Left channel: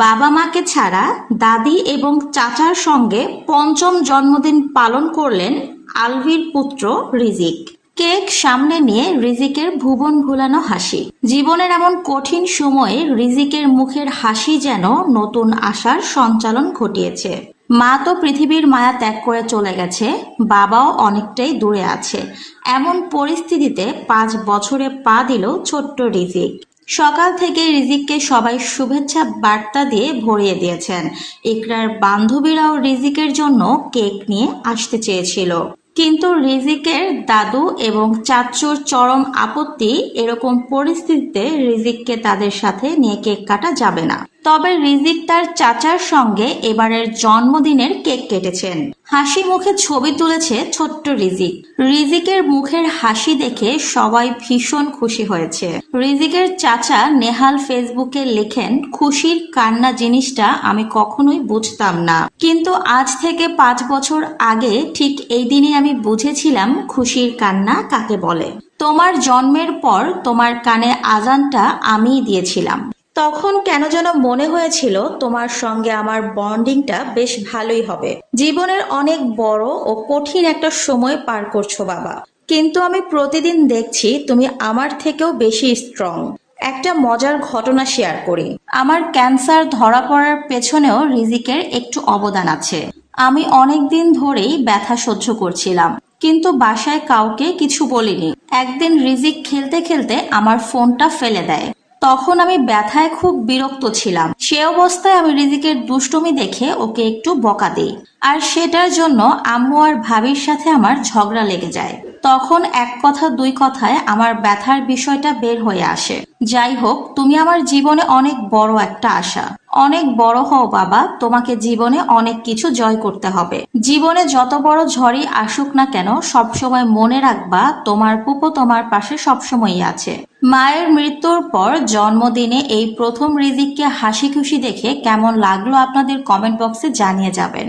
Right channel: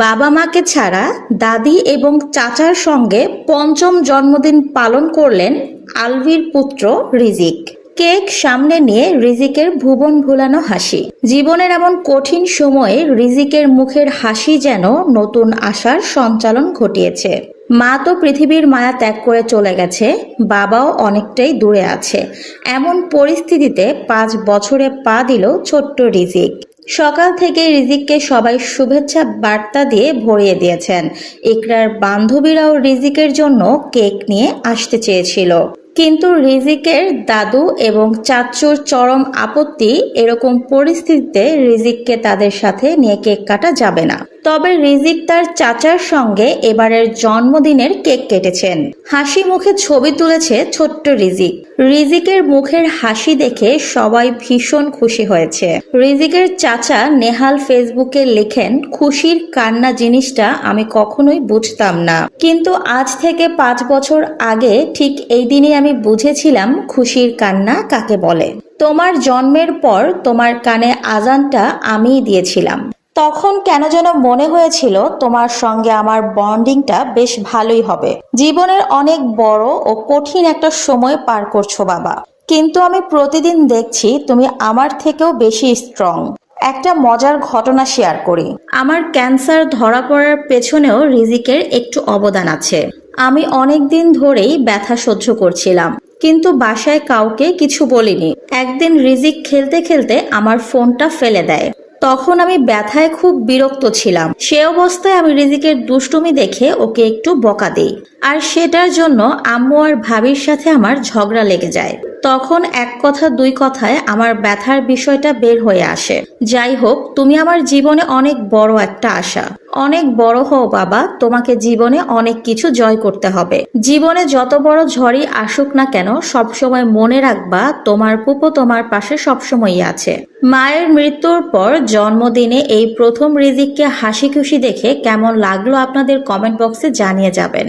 বাবা মাকে ছাড়া দাদি এবং চাচার সঙ্গে পঞ্চম জন্মদিন পালন করলেন আলভির পুত্র রিজিক। কেক সামনে নিয়ে রিজিকের ভুবন ভুলানো হাসি। জীবনের এমন কঠিন সময়ে রিজিকের মুখের হাসি যেন নতুন আশার সঞ্চালন ঘটিয়েছে। মা তো পৃথিবীর মায়া ত্যাগ করে চলে গেছে, বাবাও অনেকটাই দূরে আছে। এমন পরিস্থিতিতে 5 বছরে পা দিল ছোট্ট রিজিক। সকাল থেকে রিজিককে সবাই শুভেচ্ছা বার্তা দিয়ে ভরিয়ে দিয়েছেন। ইকরার বান্ধবীরাও রিজিকের জন্য কেক নিয়ে আসতে চেয়েছিল, কিন্তু রিজিকের দাদু এবং চাচুর চরম আপত্তি। এরকম পরিস্থিতিতে রিজিককে তাদের সাথে নিয়ে কেক কাটা যাবে না। তবে রিজিক তার চাচার সঙ্গে এবারের জন্মদিনের কেক কেটেছেন। হাসি মুখে ছবি তুলেছে ছোট্ট রিজিক। রিজিকের মুখের হাসি দেখে সবাই ভীষণ খুশি হয়েছে। রিজিকের চাচা নেহাল ফেসবুকে লেখেন, খুশির কান্না জিনিসটা আমি কখনোই বুঝতাম না, কিন্তু আজ থেকে 5 বছর আগে ঠিক এই দিনই আমি বুঝেছিলাম খুশির কান্না কাকে বলে। তোমার জন্মের পর তোমার কানে আজানটা আমিই দিয়েছিলাম। তখন কেন যেন মনে হয়েছিল তোমার সঙ্গে আমার বন্ডিংটা বেশ ভালোই হবে। জীবনের অনেক বড় ও কঠিন একটা সময় পার করছো বাবা, কিন্তু আমি প্রতিদিন দেখছি তুমি আমার থেকেও বেশি স্ট্রং। একটা মজার ঘটনা শেয়ার করি। আমার ক্যান্সার ধরা পড়ার পেছনেও রিজিকের একটু অবদান আছে। আমি অনেক দিন ধরেই ব্যথা সহ্য করছিলাম, কিন্তু বাসায় কাউকে কিছু বলিনি। একদিন রিজিক খেলতে খেলতে আমার ফোনটা ফেলে দেয়। তখন আমি ব্যথায় খুব বিরক্ত ছিলাম। সে অবস্থায় আমি রিজিকের দুষ্টুমি দেখে ওকে একটু বকা দিই, আর সেটার জন্য আম্মু আর ভাবির সাথে আমার ঝগড়া লেগে যায়। তখন এক কথা দুই কথায় আমার ব্যথার বিষয়টা বের হয়ে আসে। যাই হোক, তুমি আমার জীবনে অনেক বড় একটা আশা। অনেক বড় হও বাবা, তোমাকে জীবনে অনেক কিছু জয় করতে হবে। জীবনে যত বড় ঝড়ই আসুক না কেন, সবসময় মনে রাখবা তোমার পুপো তোমার পাশে সবসময়ই আছে। মায়ের মৃত্যুর পর জন্মদিনে এই প্রথম রিজিককে হাসি খুশি দেখে কেমন লাগলো আপনাদের কমেন্ট বক্সে জানিয়ে যাবেন।